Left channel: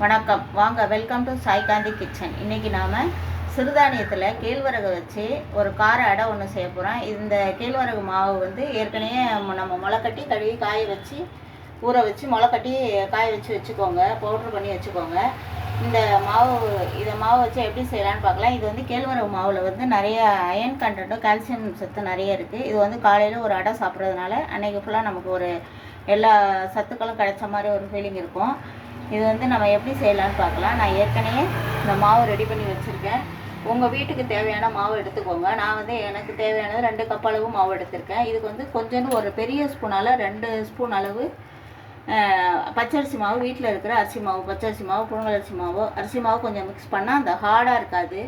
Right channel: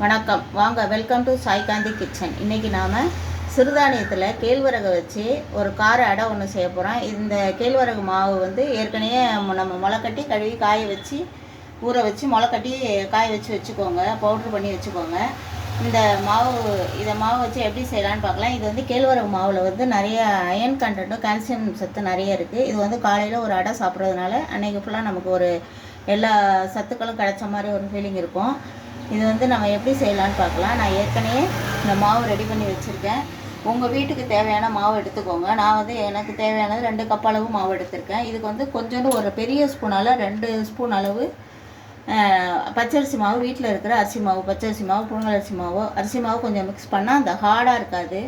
வணக்கம். வாங்க welcome to Saikanthi kitchen இன்றைக்கி நாம் சிறுதானியத்தில் கேழ்வரகை வச்சு ஒரு கார அடை ஒன்று செய்ய போகிறோம் இந்த கேழ்வரகு மாவு வந்து ஏற்கனவே நம்ம முளைக்கட்டி கழுவி காய வச்சு ஊற வச்சு முளைக்கட்டி காய வச்சு வச்சுக்கோங்க. பவுட்ரு பண்ணி வச்சுக்கோங்க. இந்த மாவு இதை மாவு வச்சு எப்படி செய்யலான்னு பார்க்கலாம். இது வந்து கேழ்வரகு மாவில் வந்து நிறைய அயன் கண்டென்ட்டும் கால்சியம் சத்து நிறைய இருக்குது இது வந்து காலையில் ஒரு அடை சாப்பிட்றதுனால அன்றைக்கி ஃபுல்லாக நமக்கு ஒரு எல்லா சத்துக்களும் கிடைச்ச மாதிரி ஒரு ஃபீலிங் இருக்கும். இது வந்து நம்ம எப்படி செய்யலாம்னு பார்க்கலாம். நான் ஏற்கனவே இந்த மாவு ரெடி பண்ணி வச்சுருக்கேன். உங்கள் வீட்டுக்கு தேவையான மாவு எடுத்துக்கோங்க. நான் வந்து எனக்கு தேவையானது ரெண்டு கப் அளவு மாவு எடுத்திருக்கேன். இதுக்கு வந்து கொஞ்சோண்டு ஒரு பெரிய ஸ்பூனால் ரெண்டு ஸ்பூன் அளவு பச்சரிசி மாவு. வீட்டில் இருக்கிற அரிசி மாவு பச்சரிசி மாவு புழுங்கலரிசி மாவு. அரிசி மாவு கொஞ்சம் மிக்ஸ் பண்ணால் அந்த ஹார்டாக இருக்காது.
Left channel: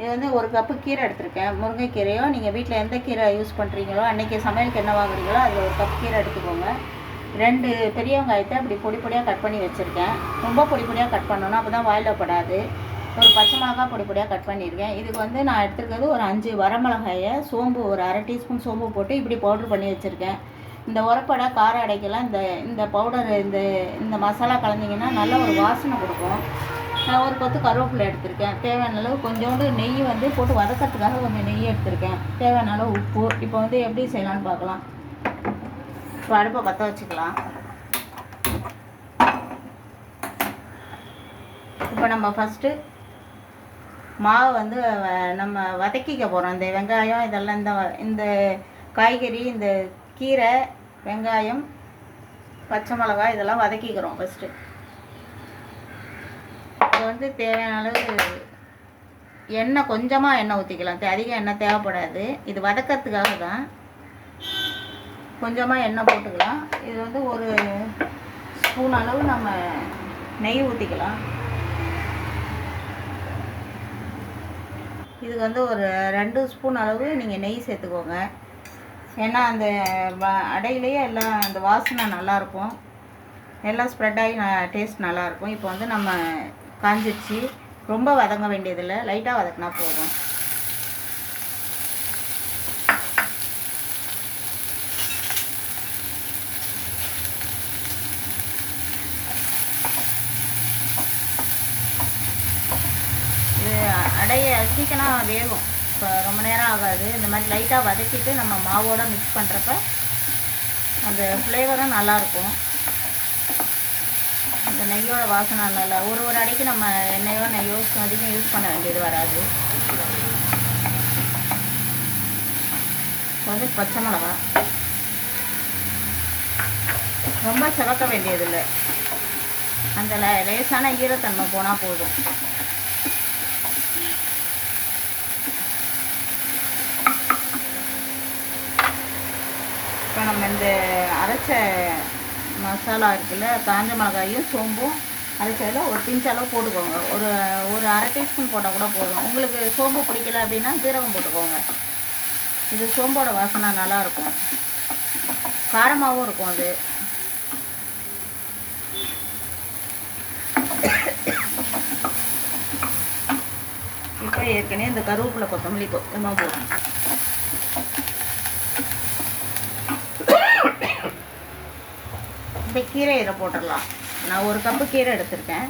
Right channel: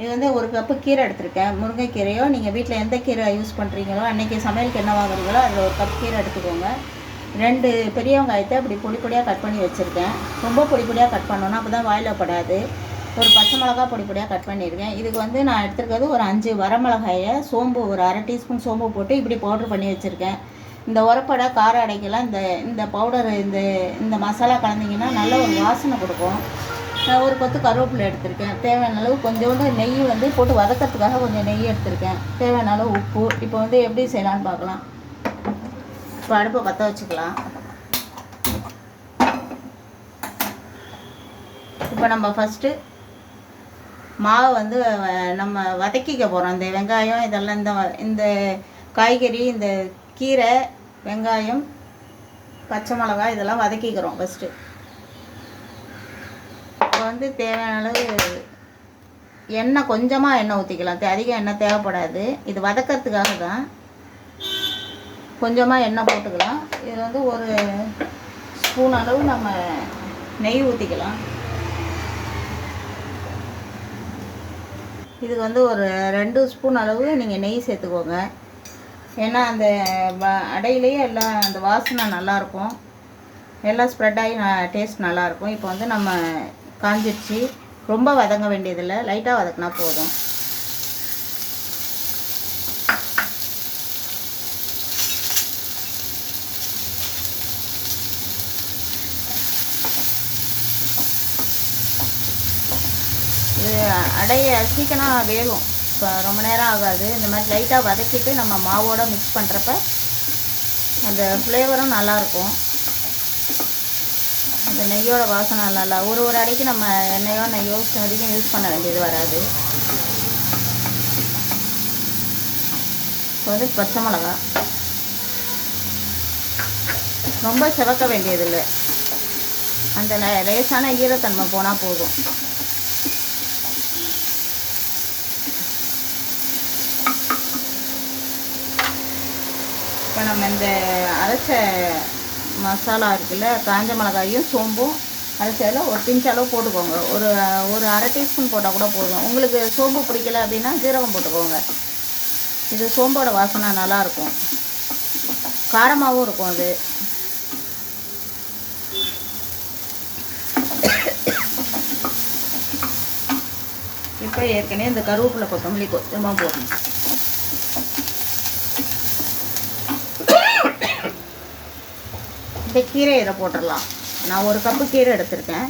இது வந்து ஒரு கப்பு கீரை எடுத்திருக்கேன். முருங்கைக்கீரையோ நீங்கள் வீட்டில் எந்த கீரை யூஸ் பண்ணுறீங்களோ அன்றைக்கி சமையலுக்கு என்ன வாங்குறீங்களோ அதில் ஒரு கப் கீரை எடுத்துக்கோங்க. ரெண்டு பெரிய வெங்காயத்தை அப்படி பொடி பொடியாக கட் பண்ணி வச்சுருக்கேன். ரொம்ப பொடி பொடியாக கட் பண்ணணும் அப்போ தான் வாயில் படாது. ஒரு பச்சை மிளகா பொடி பொடியாக கட் பண்ணியிருக்கேன். இதுக்கு வந்து நான் எடுத்துருக்கிறது ஒரு அஞ்சு வரமிளகாயை சோம்பு ஒரு அரை டீஸ்பூன் சோம்பு போட்டு இப்படி பவுட்ரு பண்ணி வச்சுருக்கேன். இந்த உரப்படை கார அடைக்கெல்லாம் இந்த இந்த பவுடர் இந்த இந்த மசாலா கலந்தீங்கன்னா நல்ல ஒரு வாசனை கொடுக்கும். நான் ஒரு கொத்து கருவேப்பிலை எடுத்திருக்கேன். தேவையான அளவு கொஞ்சோண்டு நெய் வந்து போட்டு வதக்கிறதுக்காக கொஞ்சம் நெய் எடுத்திருக்கேன். தேவையான அளவு உப்பு. இப்போ வந்து எப்படி செய்யலாம்னு பார்க்கலாம். இப்போ அடுப்பை பற்ற வச்சுக்கலாம். இப்போ நம்ம ஃபஸ்ட்டு மாவை வந்து நம்ம வதக்கிக்க போகிறோம் இந்த வெங்காயம் இதெல்லாம் இந்த இந்த காய்கறி இந்த கீரை வெங்காயம் பச்சை மிளகாய் இதெல்லாம் வதக்கிக்கிறோம் ஃபஸ்ட்டு இப்போ வந்து தேவையான அளவு எண்ணெய் கொஞ்சமாக எண்ணெய் ஊற்றிக்கலாம் அதிகம் எண்ணெய் தேவைப்படாது. இது வதக்கிறதுக்காக தான் கொஞ்சமாக எண்ணெய் போட்டுக்கலாம். இது வந்து ஒரு ஸ்பூன் அளவு நம்ம நெய் ஊற்றிக்கலாம் இது வந்து ஒரு ரெண்டு ஸ்பூன் அளவு நீங்கள் நெய் சேர்த்துக்கோங்க. ஏன்னா அந்த வ- அடையிலேயே எல்லாம் அந்த வாசனை நல்லாயிருக்கும். எல்லாம் ஸ்ப்ரெட் ஆகி டேஸ்ட் நல்லாயிருக்கும். இப்போ வந்து நம்ம காஞ்சிடுச்சு ரொம்ப வதங்க வேண்டியதில்லை. லைட்டாக வதக்கினா போதும் இது அடைய சீக்கிரம் வேகும். இப்போ ரொம்ப நேரம் ஆகாது. இந்த மாதிரி லைட்டாக வதக்கிட்டு நம்ம மாவோடு மிக்ஸ் பண்ணுறப்ப அந்த ஃப்ளேவரும் நல்லாயிருக்கும் அந்த நெய்யோட வாசனை நல்லா ஒரு ஒரு அடைக்கு நம்ம எண்ணெயோ நெய்யோ அதிகம் யூஸ் பண்ண வேண்டியது வராது. அது பச்சை மிளகா. ரொம்ப சிவக்க வேண்டியதில்லை. அந்த லே- லேசான ஈரத்தன்மை போனால் போதும். இப்போ நம்ம இந்த அரைச்ச மசாலா இருக்குல்ல காஞ்ச மிளகாயும் சோம்பும் அரைச்சதில் ஒரு பிஞ்ச் அளவு போட்டுக்கோங்க. ஒரு ஒரு அரை டீஸ்பூன் போட்டால் கூட போதும். உங்களுக்கு சோம்பு பிடிக்கல அப்படின்னா ஜீரகம் போட்டுக்கோங்க. இது சோம்போட வாசனை நல்லாயிருக்கும். காரமாகவும் இருக்கும் அது. இப்போ ஏற்கனவே இந்த கருவேப்பிலை கொத்தமல்லி கொஞ்சமாக போடணும் இப்போ கீரை இதில் போட்டுடலாம். நான் ஒரு கப்பு கீரை எடுத்திருக்கேன்.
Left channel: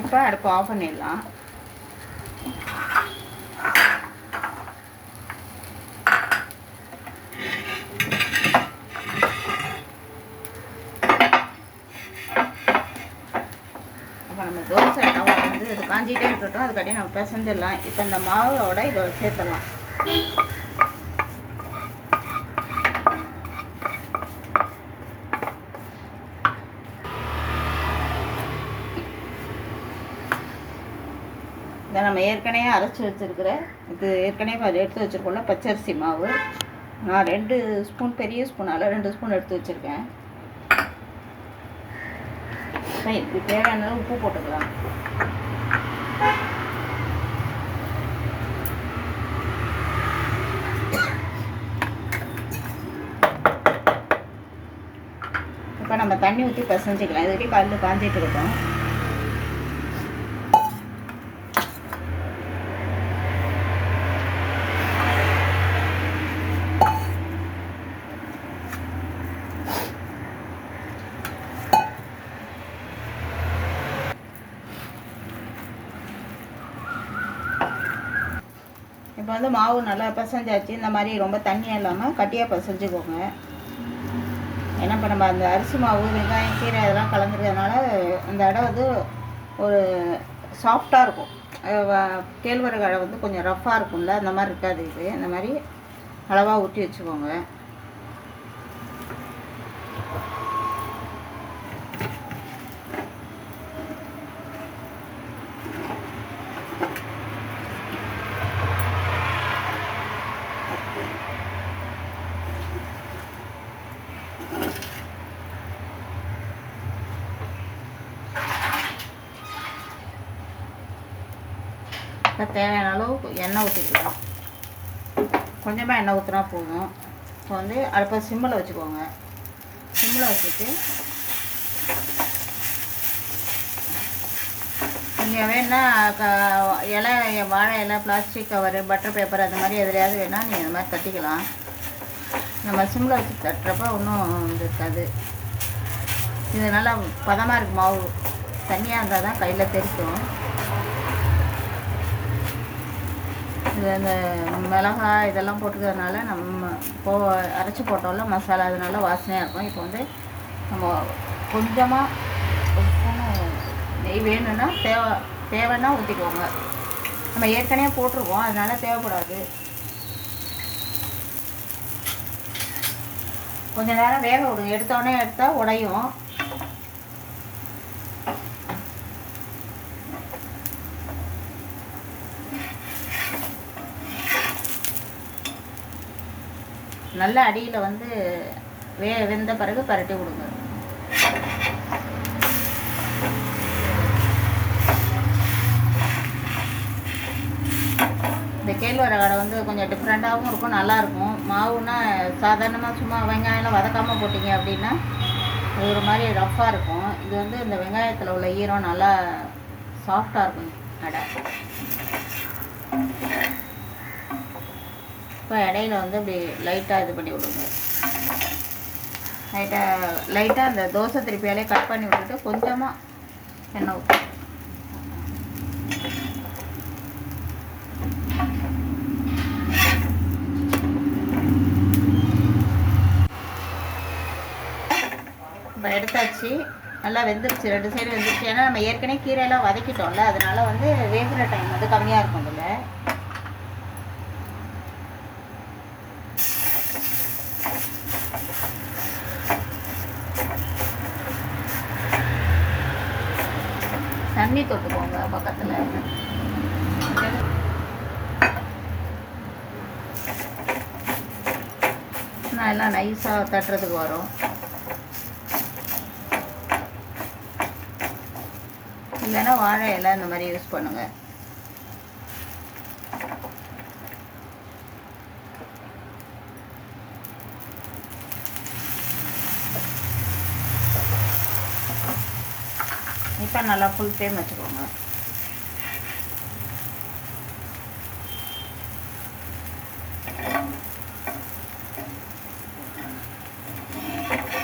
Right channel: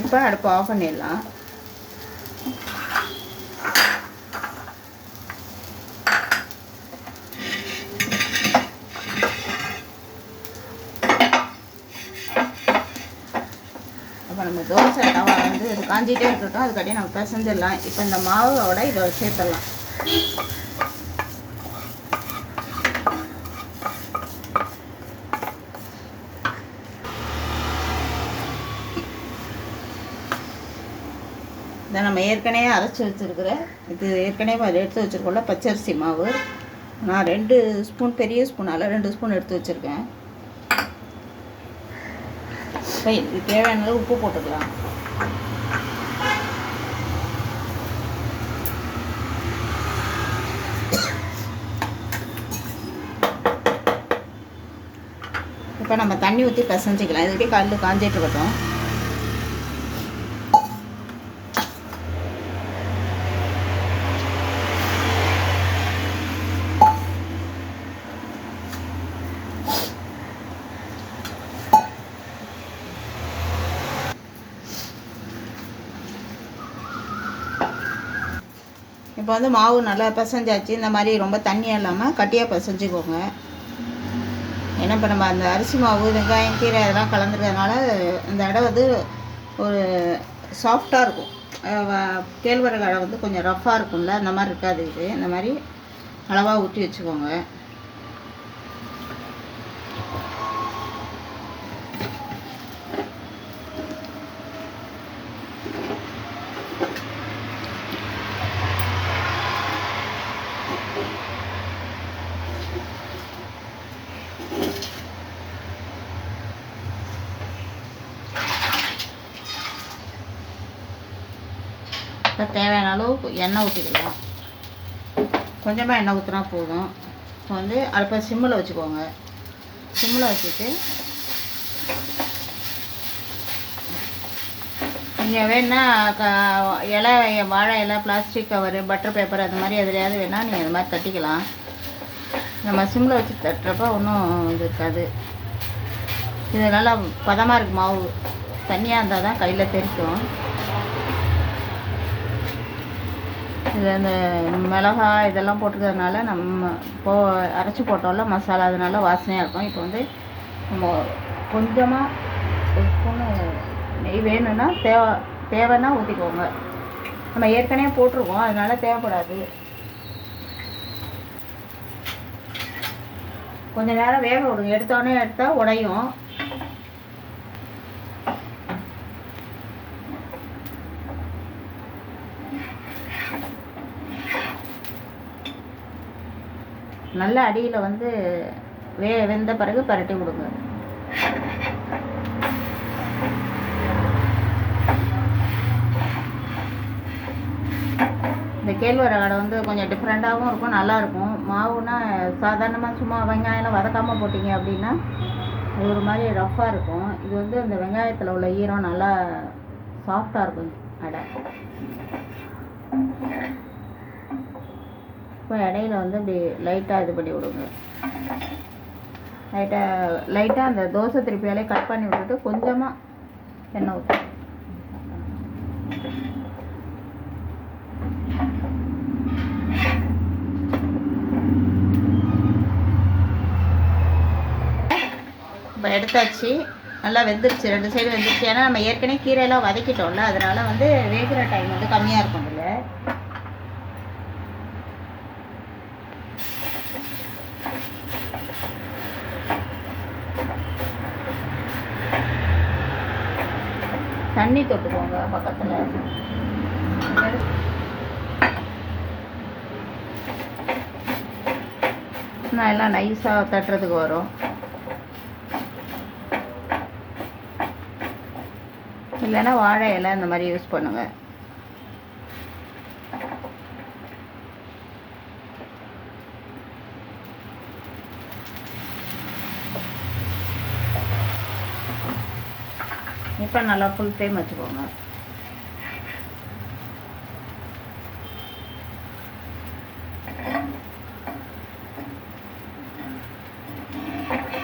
இப்போ அடுப்பு ஆஃப் பண்ணிடலாம். நம்ம தோசை தவா வந்து இது காஞ்சிட்டே இருக்கட்டும் அதுக்கடியே நம்ம பிசைஞ்சிடலாம். இப்போ இந்த மாவோட இதை சேர்த்துடலாம். இதை நம்ம ஏற்கனவே அரைச்சி வச்சுருக்கிற இது ஏற்கனவே அதை எடுத்து வச்சுருக்கோம்ல பச்சரிசி மாவு. நான் ரெண்டு ஸ்பூன் பெரிய ஸ்பூனால் ரெண்டு ஸ்பூன் எடுத்து வச்சுருக்கேன். ஸோ இதுக்கு தேவையான அளவு உப்பு போட்டுக்கலாம். இப்போ நம்ம தண்ணி ஊற்றி பசஞ்சிக்கலாம். இது வரைக்கும் கல் காஞ்சிட்டு இருக்கட்டும். இப்போ வந்து மாவு நல்லா பிசைஞ்சாச்சு. இந்த மாதிரி ரொம்ப தண்ணியாக இல்லாமல் கட்டியாக பிசைஞ்சுக்கோங்க. ஏன்னா இப்போ நம்ம அந்த அரிசி மாவு வெங்காயம் கீரை அதெல்லாம் கலந்துக்கிறதுனால அந்த இடம் வந்து ஒரு சாஃப்டாக இருக்கும். கேழ்வரகு அடை வந்து கொஞ்சம் ரஃப்பாக இருக்கும்ல அந்த மாதிரி இருக்காது இது. இந்த மாதிரி அளவாக ஊற்றி வச்சுக்கோங்க. தேவையான அளவு எண்ணெய் ஊற்றிக்கலாம் கொஞ்சமாக எண்ணெய் ஊற்றினா போதும். இப்போ வந்து அடுப்பை சிம்மில் வச்சுக்கோங்க. சிம்மில் வச்சுட்டு நீங்கள் வேணுன்னா க- இலை வாழை இலை பிளாஸ்டிக் கவரு பட்டர் பேப்பர் அது மாதிரி எதுலையாவது வேணால் நீங்கள் அது மாதிரி தட்டிக்கலாம். நம்ம சிம்மில் வச்சு தட்டுறப்ப ஒன்றும் இது இருக்காது. இது நல்லா பதமாக இருக்கு மாவு. தண்ணியாக இருந்தால் தான் கையில் தெரிக்கும். இது அந்த மிளகாய் இதெல்லாம் போட்டுக்கிறதுனால நம்ம போ அரைச்சி போட்டோம்ல மசாலா அதனால வாசனையாக இருக்கும். இப்போ வந்து நம்ம கொஞ்சமாக ஒரு ஸ்பூனு நெய் வேணும்னா தேவை தேவைன்னா ஊற்றிக்கோங்க நம்ம ஏற்கனவே போட்டிருக்கோம் அதனால் தேவைப்படாது. கொஞ்ச நேரம் வேக விடுங்க. எடுத்தோடனே எடுத்தால் உடையும். நல்ல அடியில் வந்து வே வெந்த பிறகு பரட்டி விடுங்க இந்த கேழ்வரகு கடை வந்து கொஞ்சம் டிஃப்ரெண்ட்டாகவும் இருக்கும் நல்லாயிருக்கும் மாவுனால் மாவுனா சாதாரணமாக சும்மா வெங்காயம்லாம் வதக்காமல் போட்டிங்க அப்படின்னா ஒரு மாதிரி ரஃப்பாக இருக்கும். இது வந்து இந்த வெங்காயத்தில் உள்ள ஈரம் நல்லா சாஃப்டாக இருக்கும் அடை. இப்போ இடையில வந்து அப்படி லைட்டாக இது பண்ணி விடுங்க. லைட்டாக லைட்டாக அந்த தோசை திருப்பியாலே கட் பண்ணி விட்டுட்டு கொஞ்சமாக எண்ணெய் ஊற்று இப்போ எடுத்தாச்சு. நல்லா வெந்துருச்சு. ரெண்டு சைடு வெந்துருச்சு. ஏன்னா நம்ம ஏற்கனவே கீரையெல்லாம் வதக்கிட்டோம்ல அதனால வந்து வேகிற டைம் வந்து கம்மியாக இருக்கும் தண்ணி தொட்டுக்கோங்க பக்கத்தில். நான் எல்லாம் நைஸாக தட்டுறதுக்கு வரும். இல்லைன்னா வாழை இலை இந்த மாதிரி யூஸ் பண்ணுங்கள் இப்போ நல்லா ஃபுல் ஃப்ளேம் வச்சுக்கோங்க.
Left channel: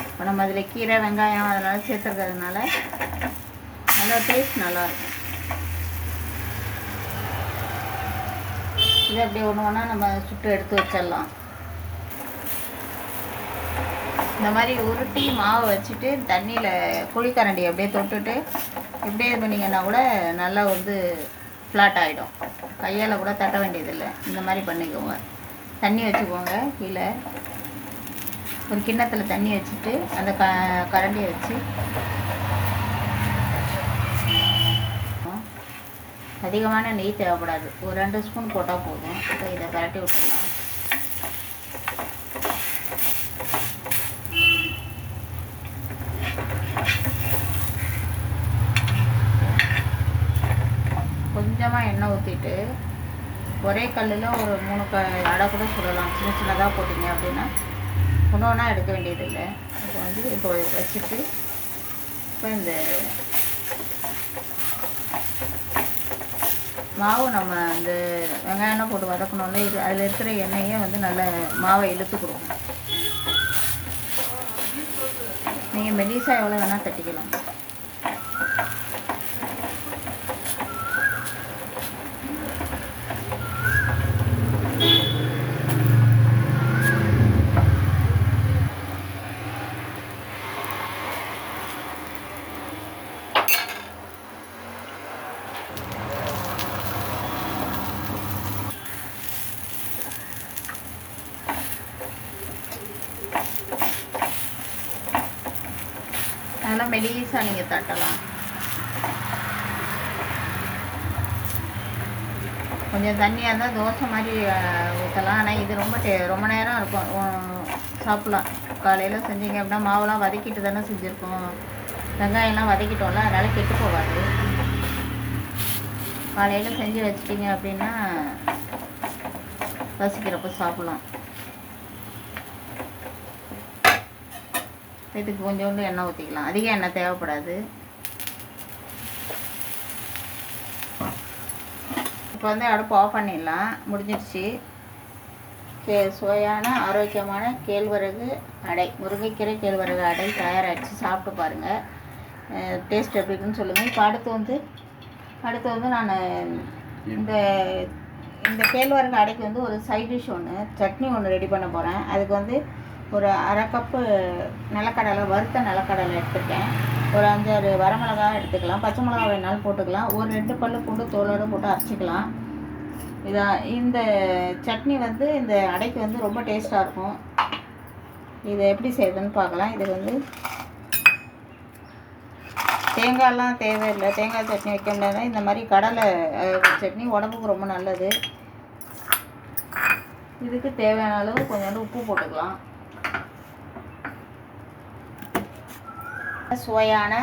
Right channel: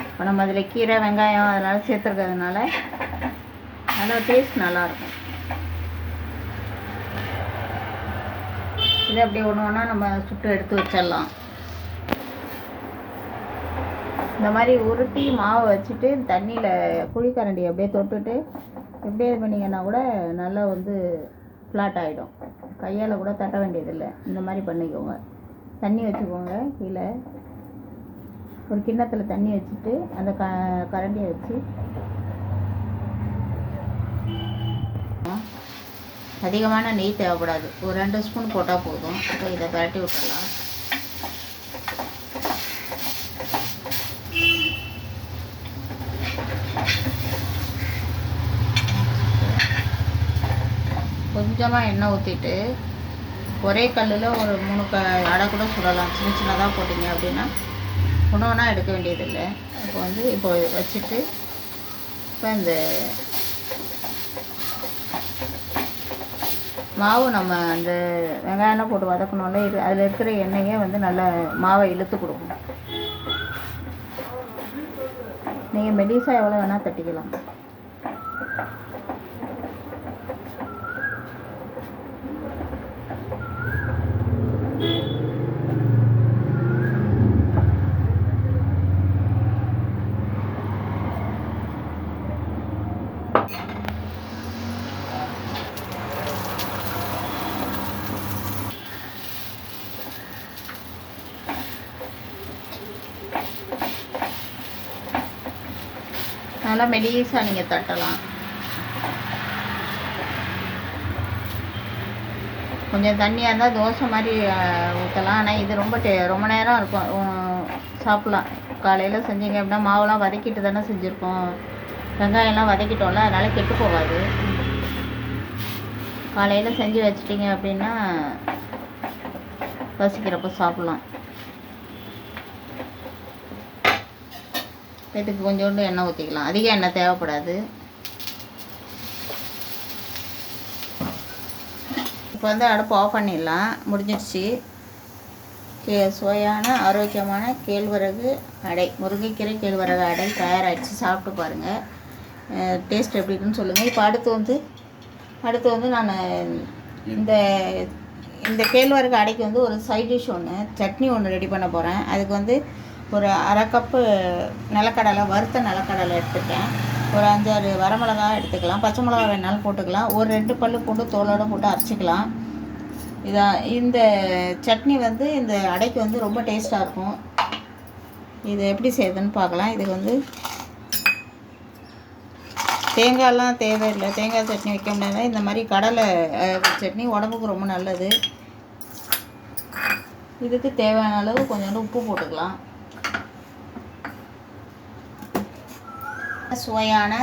இப்போ நம்ம அதில் கீரை வெங்காயம் அதனால் சேர்த்துருக்கிறதுனால நல்லா டேஸ்ட் நல்லாயிருக்கும். இது அப்படியே ஒன்று ஒன்றா நம்ம சுட்டு எடுத்து வச்சிடலாம். இந்த மாதிரி உருட்டி மாவு வச்சுட்டு தண்ணியில் குழிக்கரண்டி அப்படியே தொட்டுட்டு இப்படியே இது பண்ணிங்கன்னா கூட நல்லா வந்து ஃப்ளாட் ஆகிடும் கையால் கூட தட்ட வேண்டியதில்லை. இந்த மாதிரி பண்ணிக்கோங்க. தண்ணி வச்சுக்கோங்க கீழே. ஒரு கிண்ணத்தில் தண்ணி வச்சுட்டு அந்த க கரண்டியை வச்சு. அதிகமான நெய் தேவைப்படாது. ஒரு ரெண்டு ஸ்பூன் போட்டால் போதும். இப்போ இதை பரட்டி விட்டுடலாம். கொஞ்சமாக எண்ணெய் ஊற்றிட்டு ஒரே கல்லில் ஒரு மூணு க அடை கூட சுடலாம். சின்ன சின்னதாக போட்டிங்க அப்படின்னா ஒன்று ஒன்றா எடுக்க வேண்டியதில்லை. இப்போ வந்து இப்போ வச்சுட்டு இப்போ இந்த மாவு நம்ம அந்த வெங்காயம் போட்டு வதக்கணும்ல இது அதில் இருக்கிற எண்ணெயே வந்து நல்லா மாவை இழுத்து கொடுக்கும் நீங்கள் மெலிசா எவ்வளோ வேணால் தட்டிக்கலாம். நல்லா மெலிசாக நீங்கள் தட்டலாம். கொஞ்சம் தண்ணியாக இருந்தால் தோசை மாதிரி ஊற்றலாம் ஆனால் இது ரொம்ப டே ரொம்ப நேரம் இருக்கும். சாப்பிட்லாம். காலையில் செஞ்சீங்க அப்படின்னா மாவுலாம் வதக்கிட்டு தானே செஞ்சுருக்கோம். வெங்காயம்லாம் வதக்கிட்டோம்ல அதனால் கெட்டு போகாது. காலையில் செஞ்சு வச்சிட்டிங்க அப்படின்னா பசிக்கிறப்ப சாப்பிட்லாம். இதுக்கு கொஞ்சோண்டு எண்ணெய் ஊற்றிக்கலாம் அதிக எண்ணெய் தேவைப்படாது. இப்போ வந்து அடுப்பு ஆஃப் பண்ணிடலாம். முடிஞ்சிடுச்சு. கே சுவையான ஆரோக்கியமான கேழ்வரகு அடை. முருங்கைக்கீரை கேழ்வரகு அடை தயாராகிடுச்சு சாப்பிட்டு பாருங்கள் டேஸ்ட் எப்படி இருக்குன்னு சொல்லுங்கள் இப்போ அடுத்து வந்து அடுத்து வந்து நான் இந்த இந்த கேழ்வரகு அடைக்கு வந்து ஒரு சைட் டிஷ் ஒன்று சட்னி ஒன்று ரெடி பண்ண போகிறேன் அதுக்கு வந்து ஒரு அரை கப்பு நிலக்கடலை வறுத்த நிலக்கடலை எடுத்துட்டேன் ஒரு அஞ்சாறு வரமிளகாய் எடுத்துக்கலாம். பச்சை மிளகா வேணாலும் போட்டுக்கலாம். ஒரு ரெண்டு பல்லு போட்டு தோலோடு போட்டு அரைச்சிக்கலாம். இதான் இந்த சட்னி வந்து இந்த அடைக்கு வந்து ரொம்ப டேஸ்ட்டாக இருக்கும். இதை எப்படி செய்யுதுன்னு பார்க்கலாம். இதுக்கு வந்து தேங்காயெல்லாம் தேவையில்லை. தேங்காய் சட்னி வைக்க முடியாது இந்த மாதிரி கடலை சட்னி உடம்புக்கு ரொம்ப நல்லது. இதுக்கு தேவையான அளவு கொஞ்சோண்டு உப்பு போட்டுக்கலாம். சுவையான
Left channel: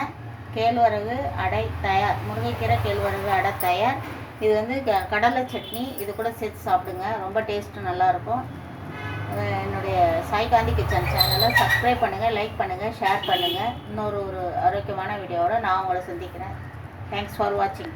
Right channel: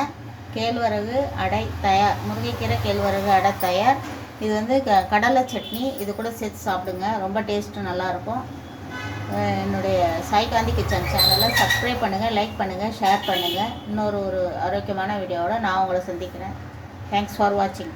கேழ்வரகு அடை தயார். முருங்கைக்கீரை கேழ்வரகு அடை தயார். இது வந்து க கடலை சட்னி. இது கூட சேர்த்து சாப்பிடுங்க. ரொம்ப டேஸ்ட்டு நல்லாயிருக்கும். என்னுடைய சாய்காந்தி கிச்சன் சேனலை சப்ஸ்கிரைப் பண்ணுங்கள் லைக் பண்ணுங்கள் ஷேர் பண்ணுங்கள் இன்னொரு ஒரு ஆரோக்கியமான வீடியோவோட நான் உங்களை சந்திக்கிறேன். தேங்க்ஸ் ஃபார் வாட்சிங்